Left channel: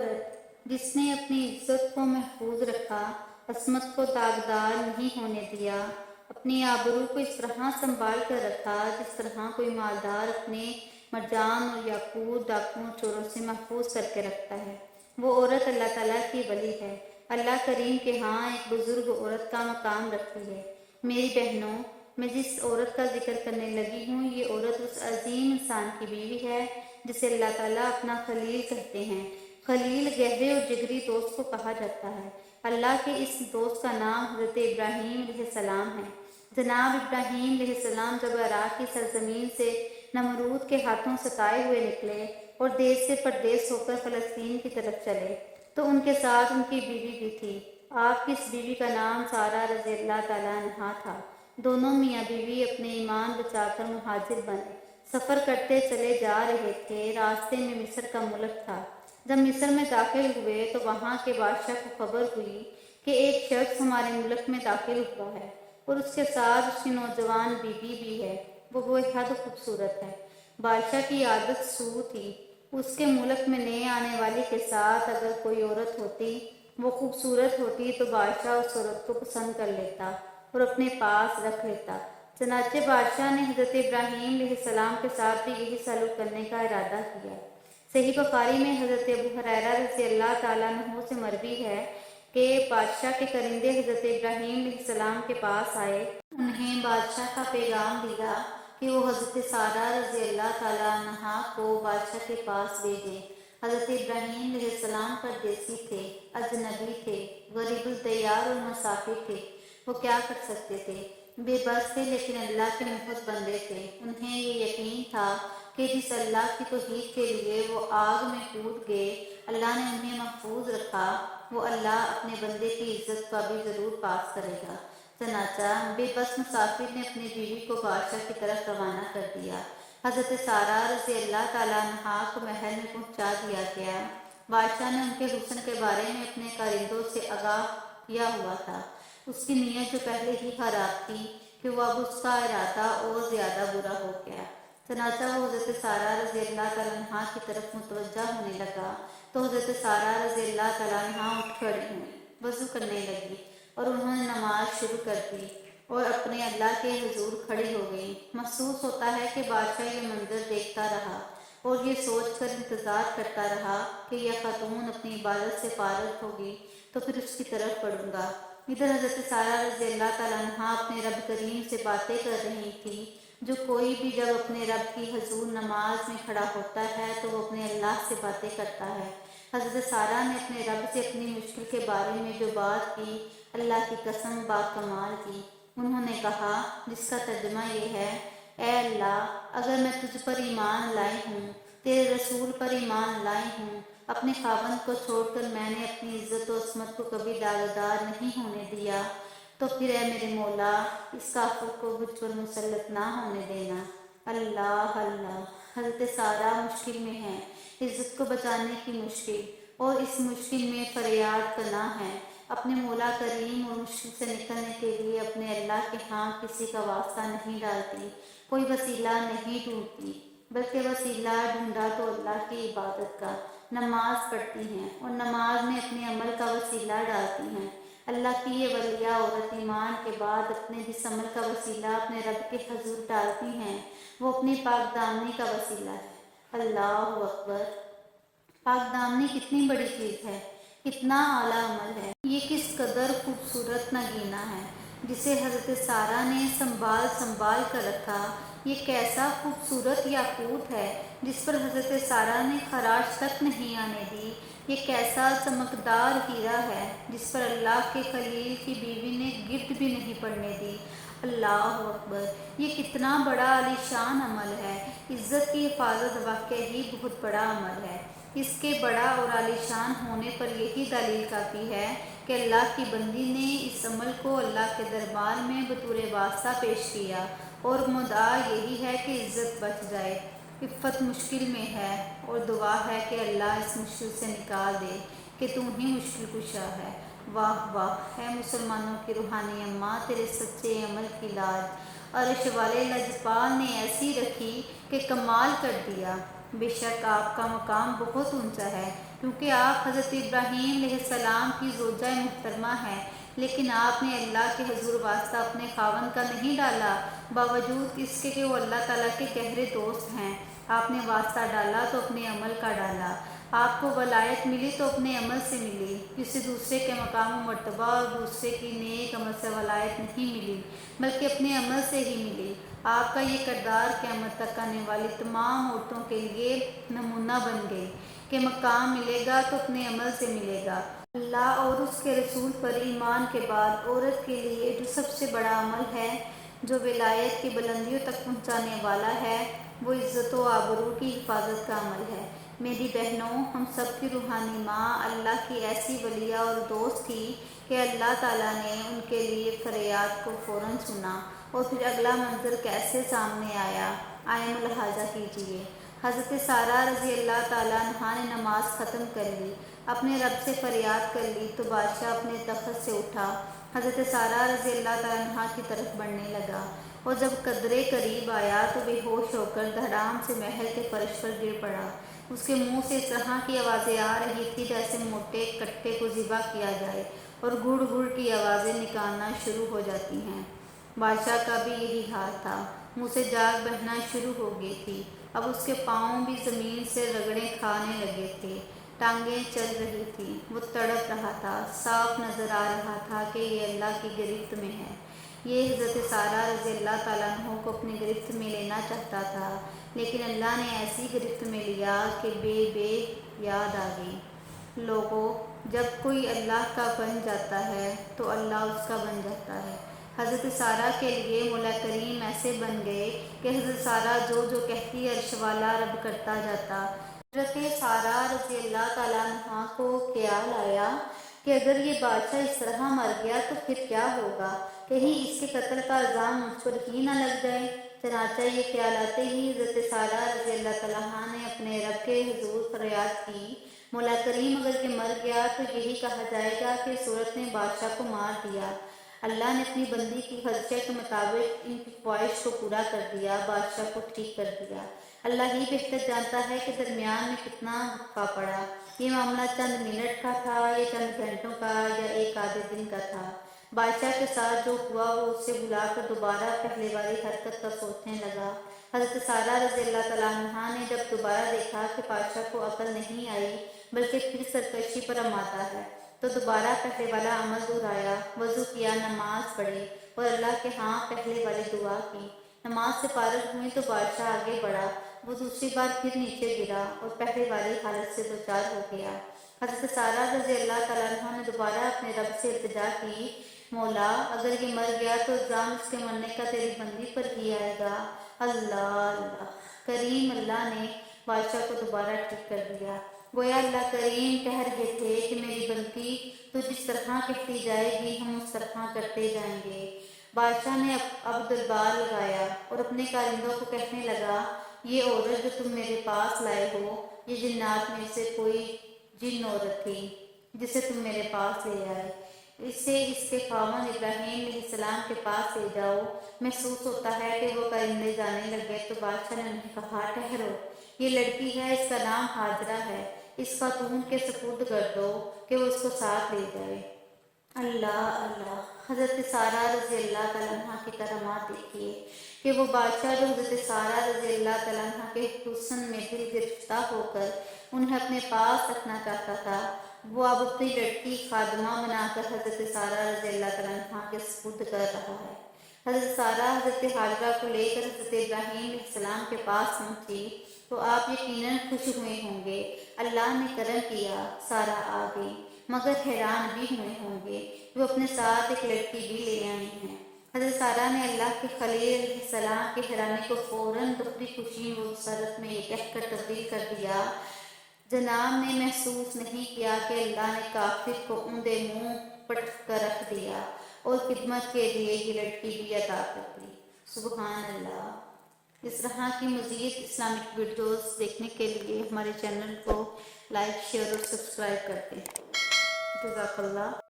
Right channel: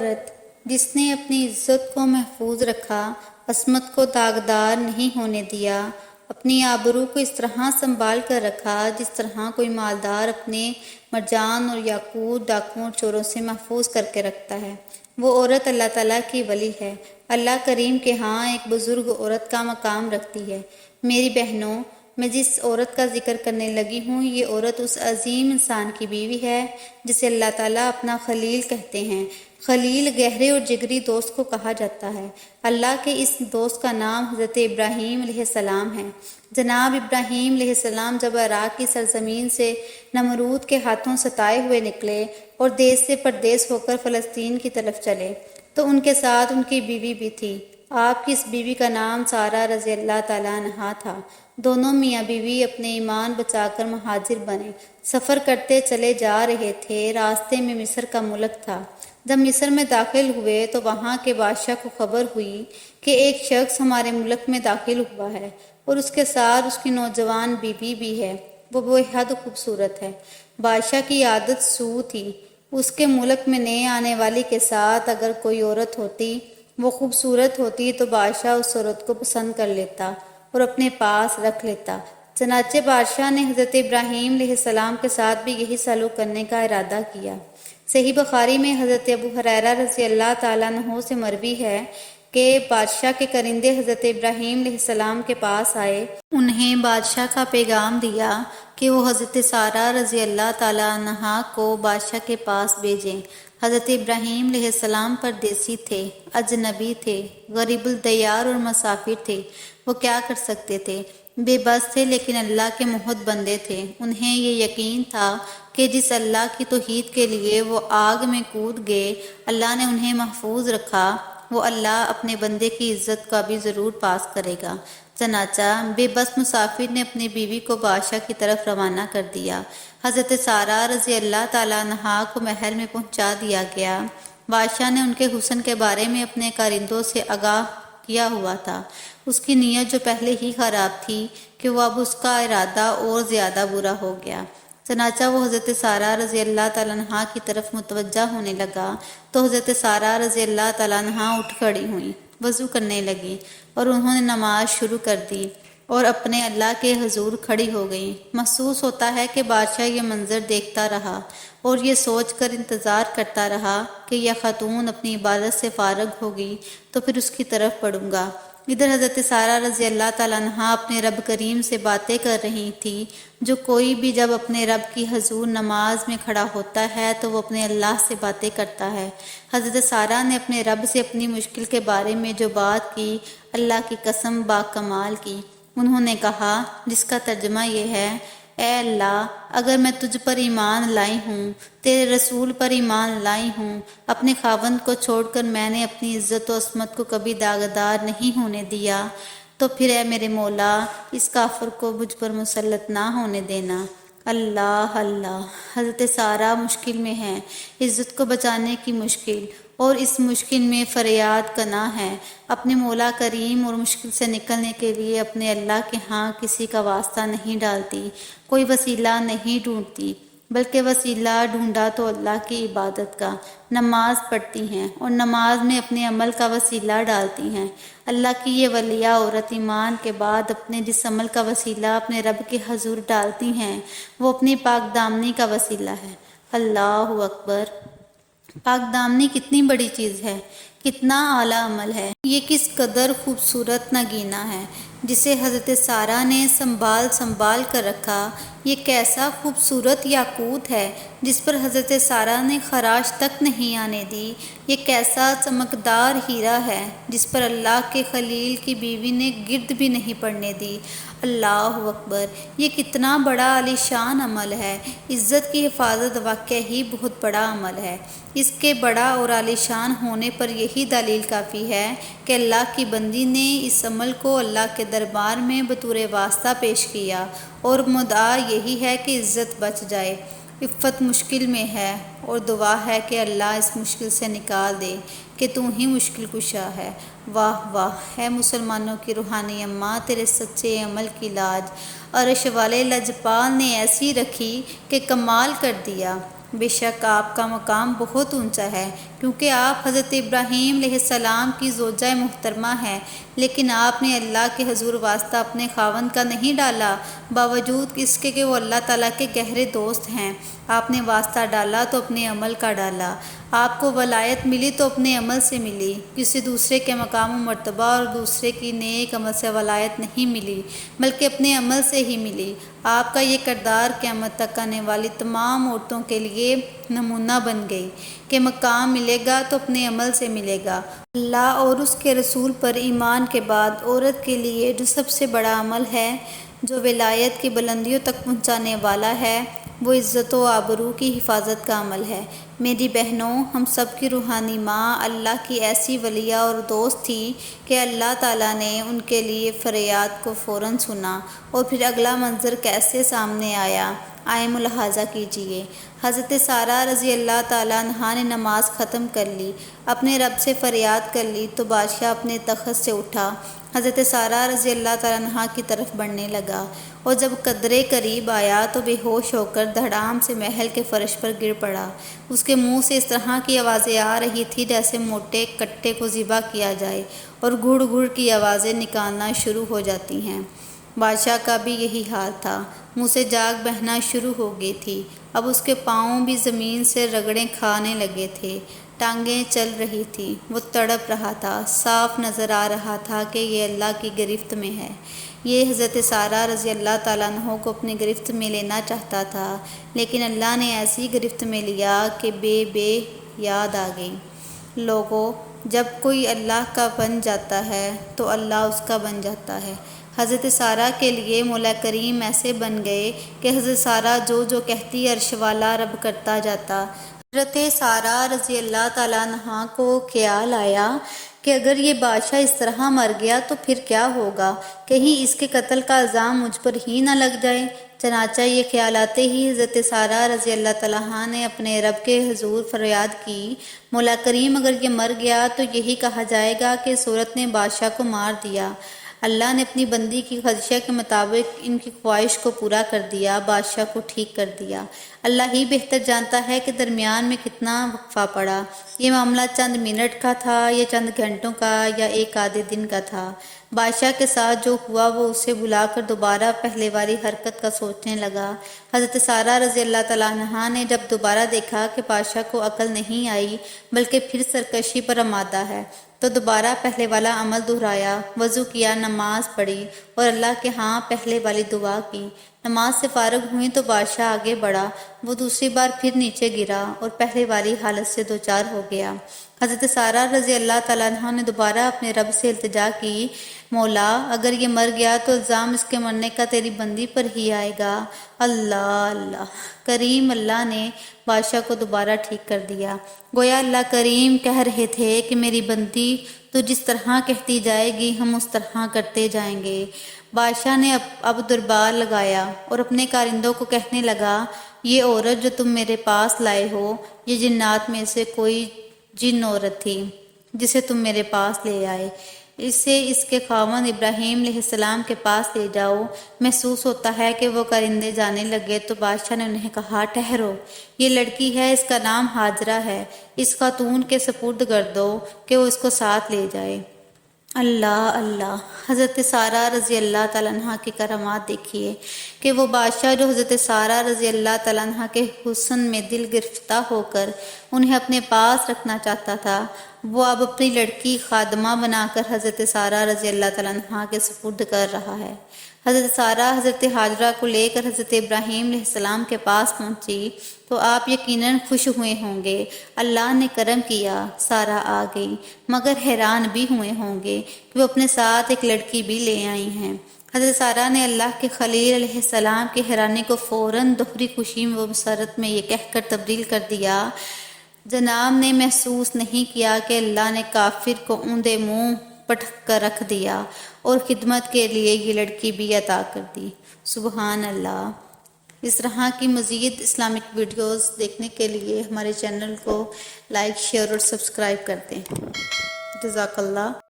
عورت جس نے اپنی عزت کو محفوظ رکھا، عصمت کو داغدار نہیں ہونے دیا، اپنی آبرو کو اس طرح سنبھال کر رکھا جس طرح کوئی مالدار اپنے مرجان اور یاقوت ڈاکوؤں اور چوروں سے محفوظ کر کے رکھتا ہے، وہ عورت اللہ تعالیٰ کی ولی ہے، اللہ کریم کے ہاں ایک بزرگ عورت کا مقام رکھتی ہے۔ میری بہنوں، میں جس عورت کا ذکر کرنے لگی ہوں، یہ عورت اس عظیم انسان کی بیوی ہے جسے اللہ تعالیٰ اپنا خلیل کہتے ہیں۔ خلیل گہرے اور جگری دوست کو کہا جاتا ہے۔ اللہ کے اس دوست کا نام حضرت ابراہیم علیہ السلام ہے۔ جناب ابراہیم علیہ السلام جب عراق کی سرزمین سے نمرود کے ہاتھوں ستائے ہوئے نکلے اور دیس سے پردیس ہو کر فلسطین کی طرف چلے تو ان کے ساتھ ان کی بیوی بھی تھی۔ آپ کی اس بیوی کا نام سارہ رضی اللہ تعالیٰ عنہا تھا۔ دونوں میاں بیوی اپنے ایمان بچا کر مہاجر بنے، سفر کرتے چلے جا رہے تھے۔ راستے میں مصر کا ملک تھا۔ جب مصر میں داخل ہوئے تو وہاں کے بادشاہ کو خبر ہوئی کہ ایک شخص ہمارے ملک میں داخل ہوا ہے اور اس کے ساتھ اس کی نوجوان بیوی بھی ہے، وہ بے حد خوبصورت ہے۔ بادشاہ کی عادت سو تھی، اس کے ملک میں نئے آنے والی کے ساتھ اگر کوئی عورت ہوتی وہ خوبصورت ہوتی تو بادشاہ اس عورت کو پسند کر لیتا اور اپنے پاس رکھ لیتا۔ چنانچہ بادشاہ نے حضرت ابراہیم علیہ السلام کے ساتھ بھی یہی سلوک کرنے کا ارادہ کیا۔ صحیح بخاری میں حضرت ابو ہریرہ رضی اللہ تعالیٰ عنہ سے مروی ہے کہ بادشاہ کے کرندے حضرت ابراہیم علیہ السلام کے پاس آئے، انہیں بادشاہ کا پیغام دیا کہ وہ حضرت سارہ رضی اللہ تعالیٰ عنہا کو بادشاہ کے پاس بھیجیں۔ حضرت ابراہیم علیہ السلام پردیسی تھے، اجنبی تھے، غریب الدیار اور مسافر تھے۔ وہ کیا کر سکتے تھے؟ بے بس تھے لیکن اللہ کے محب بندے تھے۔ انہیں یہ یقین تھا کہ جس اللہ کی توحید کے لیے وہ آگ میں کود گئے، اللہ نے انہیں محفوظ رکھا، وہ اللہ اپنے بندے کی عزت کا بھی ضرور پاس کرے گا۔ چنانچہ بے بس مسافر نے اپنی بیوی کو بادشاہ کی طرف روانہ کر دیا۔ حضرت سارہ رضی اللہ تعالیٰ عنہا کو محل میں پہنچا دیا گیا۔ بادشاہ نے ان کے حسن کے بارے میں اپنے کارندوں سے آگاہ کیا ہوا تھا۔ اس کی نیت جو پہلے ہی خراب تھی کہ وہ اب اس کا ارادہ اور زیادہ برا ہو گیا۔ چنانچہ وہ حضرت سارہ رضی اللہ تعالیٰ عنہا کی طرف متوجہ ہونے لگا تو حضرت سارہ رضی اللہ تعالیٰ عنہا اٹھ کھڑی ہوئیں، وضو کرنے لگی اور انہوں نے نماز شروع کر دی اور اپنے اللہ کے حضور کھڑی ہو گئیں۔ محسوس ہوتا ہے کہ بادشاہ یہ منظر دیکھتا رہا اور یہ سوچ کر انتظار کرتا رہا کہ یہ خاتون اپنی عبادت سے فارغ ہوگی تو پھر اس کی طرف پڑھوں گا۔ ادھر حضرت سارہ رضی اللہ تعالیٰ عنہا اپنے رب کریم سے باتیں کر رہی تھی۔ جو کوئی بھی جب اپنے رب کی حضور نماز میں کھڑا ہوتا ہے تو وہ اپنے اللہ سے باتیں کرتا ہے۔ حضرت سارہ نے اپنے رب سے اپنی مشکل کے بارے میں جو بات کی، اللہ کی قسم با کمال کی۔ انہوں نے کہا، جس کا ترجمہ یہ ہے، اے اللہ، اگر میں تجھ پر ایمان لائی ہوں، تیرے رسول پر ایمان لائی ہوں، اپنے خاوند کو چھوڑ کر میں نے اپنی عزت و عصمت کو کبھی داغدار نہیں ہونے دیا، تو پھر اے میرے مولا، اس کافر کو مجھ پر مسلط نہ ہونے دینا۔ اللہ اللہ۔ حضرت سارہ مشکل میں ہیں، عزت کو بچانے کی مشکل، اور اس مشکل میں فریاد کنا ہے۔ اپنے مولا کریم اور مشکل سے نکلنے کے لیے اپنے اللہ کے ہاں کسی کا واسطہ نہیں ڈالتی، کوئی وسیلہ نہیں ڈھونڈتی، بلکہ وسیلہ ڈھونڈا تو اللہ کی عبادت کا۔ نماز پڑھتی ہیں اور نماز میں اپنے عمل کا وسیلہ ڈالتی ہیں۔ اللہ کی یہ ولیہ عورت ایمان کے بعد اپنے جس عمل کا وسیلہ اپنے رب کے حضور ڈالتی ہیں وہ اپنی پاک دامنی کا وسیلہ ہے۔ اللہ اکبر۔ پاک دامنی کتنی بڑی چیز ہے، کتنا اعلیٰ عمل ہے، یہ کس قدر خوبصورت نگینہ ہے جسے حضرت سارہ نے سنبھال کر رکھا۔ یہ کیسا خوبصورت یاقوت ہے جس پر حضرت سارہ نے خراش تک نہیں آنے دی۔ یہ کیسا چمکدار ہیرا ہے جس پر اللہ کے خلیل کی بیوی نے گرد بھی نہیں پڑنے دی۔ اللہ اکبر۔ یہ کتنا بڑا عالی شان عمل ہے۔ عزت کی حفاظت واقعی ہی بہت بڑا عمل ہے۔ اس کے بڑا اور عالی شان ہونے پر یہی دلیل کافی ہے کہ اللہ کی بندی نے اس عمل کو اللہ کے دربار میں بطور واسطہ پیش کیا، اور مدعا یہی ہے کہ عزت بچ جائے۔ عفت مشکل میں ہے اور دعا ہے کہ اللہ اس مشکل سے نکال دے کہ تو ہی مشکل کشا ہے۔ واہ واہ، اے مسلمانوں کی روحانی اماں، تیرے سچے عمل کی لاج عرش والے لجپال نے ایسی رکھی کہ کمال کر دیا۔ بے شک آپ کا مقام بہت اونچا ہے، کیونکہ آپ حضرت ابراہیم علیہ السلام کی زوجہ محترمہ ہیں، لیکن آپ نے اللہ کے حضور واسطہ اپنے خاوند کا نہیں ڈالا، باوجود اس کے کہ وہ اللہ تعالیٰ کے گہرے دوست ہیں۔ آپ نے واسطہ ڈالا تو اپنے عمل کا ڈالا۔ آپ کو ولایت ملی تو اپنے عمل سے ملی، کسی دوسرے کے مقام و مرتبہ اور دوسرے کی نیک عمل سے ولایت نہیں ملی، بلکہ اپنے عمل سے ہی ملی۔ آپ کا یہ کردار قیامت تک آنے والی تمام عورتوں کے لیے نمونہ بن گئی کہ مقام ملے گا تو اپنے عمل سے ملے گا۔ اللہ اور اس کے رسول پر ایمان کے بعد عورت کے لیے جو سب سے بڑا عمل ہے، جو ولایت کی بلندیوں تک پہنچانے والا ہے، وہ عزت و آبرو کی حفاظت کا عمل ہے۔ میری بہنوں، ہم سب کی روحانی ماں اللہ کی ایسی ولیہ اور دوست تھی کہ اللہ تعالیٰ نے ان کے لیے فریاد کو فوراً سنا، اور پھر اگلا منظر کیسے سامنے آیا، آئے ملاحظہ کیجیے۔ حضرت سارہ رضی اللہ تعالیٰ عنہا نے نماز ختم کر لی، اپنے رب سے فریاد کر لی تو بادشاہ اپنے تخت سے اٹھا، حضرت سارہ رضی اللہ تعالیٰ عنہا کی طرف بڑھنے لگا، اور جب قدرے قریب آیا تو بے ہوش ہو کر دھڑام سے محل کے فرش پر گر پڑا۔ اس کے منہ سے اس طرح کی آوازیں آ رہی تھی جیسے موٹے کٹے کو ذبح کیا جائے، اور گھڑ گھڑ کی آوازیں نکالنا شروع ہو جاتی ہیں۔ بادشاہ کا بھی یہی حال تھا، منہ سے جاگ بہنا شروع ہو گئی تھی، اب اس کے پاؤں بھی زمین سے رگڑیں کھانے لگے تھے، ٹانگیں چل رہی تھی، وہ تڑپ رہا تھا، صاف نظر آ رہا تھا کہ یہ اللہ کی گرفت میں ہے۔ یہ حضرت سارہ رضی اللہ تعالیٰ عنہ کو اپنی گرفت میں لینا چاہتا تھا، لیکن اللہ نے ایسی گرفت میں لیا کہ بے یاد آ گئی۔ لوگوں، جب کوئی اللہ کا بن جاتا ہے تو اللہ اس کا بن جاتا ہے۔ حضرت سارہ کے لیے مولا کریم ایسے بن گئے کہ حضرت سارہ جو کہتی عرش والا رب کرتا جاتا۔ حضرت سارہ رضی اللہ تعالیٰ عنہا کو خیال آیا کہ اگر یہ بادشاہ اس طرح مر گیا تو پھر کیا ہوگا، کہیں اس کے قتل کا الزام مجھ پر ہی نہ لگ جائے۔ چنانچہ یہ خیال آتے ہی حضرت سارہ رضی اللہ تعالیٰ عنہا نے اپنے رب کے حضور فریاد کی، مولا کریم اگر یہ مر گیا تو یہی کہا جائے گا کہ صورت نے بادشاہ کو مار دیا۔ اللہ نے اپنی بندی کی خواہش کے مطابق ان کی خواہش کو پورا کر دیا، بادشاہ کو ٹھیک کر دیا۔ اللہ ہی بہتر جانتا ہے کہ درمیان میں کتنا وقفہ پڑا، یہ معاملہ چند منٹ کا تھا یا چند گھنٹوں کا یا ایک آدھے دن کا تھا۔ بادشاہ کے ساتھ جو ہوا وہ اسے بلا کر دوبارہ پہلے والی حرکت کا سوچنے لگا۔ حضرت سارہ رضی اللہ تعالیٰ عنہا نے جب دوبارہ دیکھا کہ بادشاہ کو عقل نہیں آئی بلکہ پھر سرکشی پر آمادہ ہے، تو دوبارہ پہلے والا عمل دہرایا، وضو کیا، نماز پڑھی اور اللہ کے ہاں پہلے والی دعا کی۔ نماز سے فارغ ہوئیں تو بادشاہ آگے بڑھا، وہ دوسری بار پھر نیچے گرا اور پہلے والی حالت سے دوچار ہو گیا۔ حضرت سارہ رضی اللہ تعالیٰ عنہ نے دوبارہ اپنے رب سے التجا کی، مولا اگر یہ مر گیا تو الزام اس کے مرنے کا تیری بندی پر ہی آئے گا۔ اللہ کریم اللہ نے بادشاہ کو دوبارہ ٹھیک کر دیا۔ گویا اللہ کریم کہہ رہے تھے کہ میری بندی تو جس طرح کہتی جائے گی ہم اس طرح کرتے جائیں گے۔ بادشاہ نے اب دربار لگایا اور اپنے کارندوں کو کہنے لگا، یہ عورت جو تم میرے پاس لائے ہو، یہ جنات میں سے کوئی جن عورت تھی جسے تم میرے پاس لے آئے، اسے اس کے خاوند ابراہیم علیہ السلام کے پاس لے جاؤ۔ محسوس ہوتا ہے کہ وہ کارندے جانے لگے تو بادشاہ نے انہیں کہا، ٹھہرو، یہ لڑکی ہے، اس کا نام ہاجرہ ہے، اس خاتون کے سپرد کر دو کہ وہ اس کو ساتھ لے جائے۔ اللہ حضرت سارہ رضی اللہ تعالیٰ عنہ کی کرامات دیکھیے کہ وہ بادشاہ جو حضرت سارہ رضی اللہ تعالیٰ عنہ کے حسن میں دل گرفتہ ہو کر انہیں اپنے پاس رکھنا چاہتا تھا، وہ اب اپنی لڑکی خادمہ بنا کر حضرت سارہ رضی اللہ تعالیٰ عنہ کے سپرد کر رہا ہے۔ حضرت سارہ حضرت حاجرہ کو لے کر حضرت ابراہیم علیہ السلام کے پاس پہنچی تو آپ یقیناً خوش ہوئے ہوں گے، اللہ نے کرم کیا، سارہ آ گئی، مگر حیران بھی ہوئے ہوں گے کہ وہ اپنے ساتھ ایک لڑکی بھی لے آئی ہیں۔ حضرت سارہ نے اللہ کے خلیل علیہ السلام کی حیرانی کو فوراً دوہری خوشی و مسرت میں یہ کہہ کر تبدیل کر دیا، جناب نے محسوس نہیں کیا کہ اللہ نے کافر کو اوندے منہ پٹک کر رکھ دیا اور خدمت کے لیے یہ لڑکی بھی عطا کر دی۔ سبحان اللہ۔ اس طرح کی مزید اسلامک ویڈیوز دیکھنے کے لیے ہمارے چینل کو لائک، شیئر اور سبسکرائب کر دیں۔ جزاک اللہ۔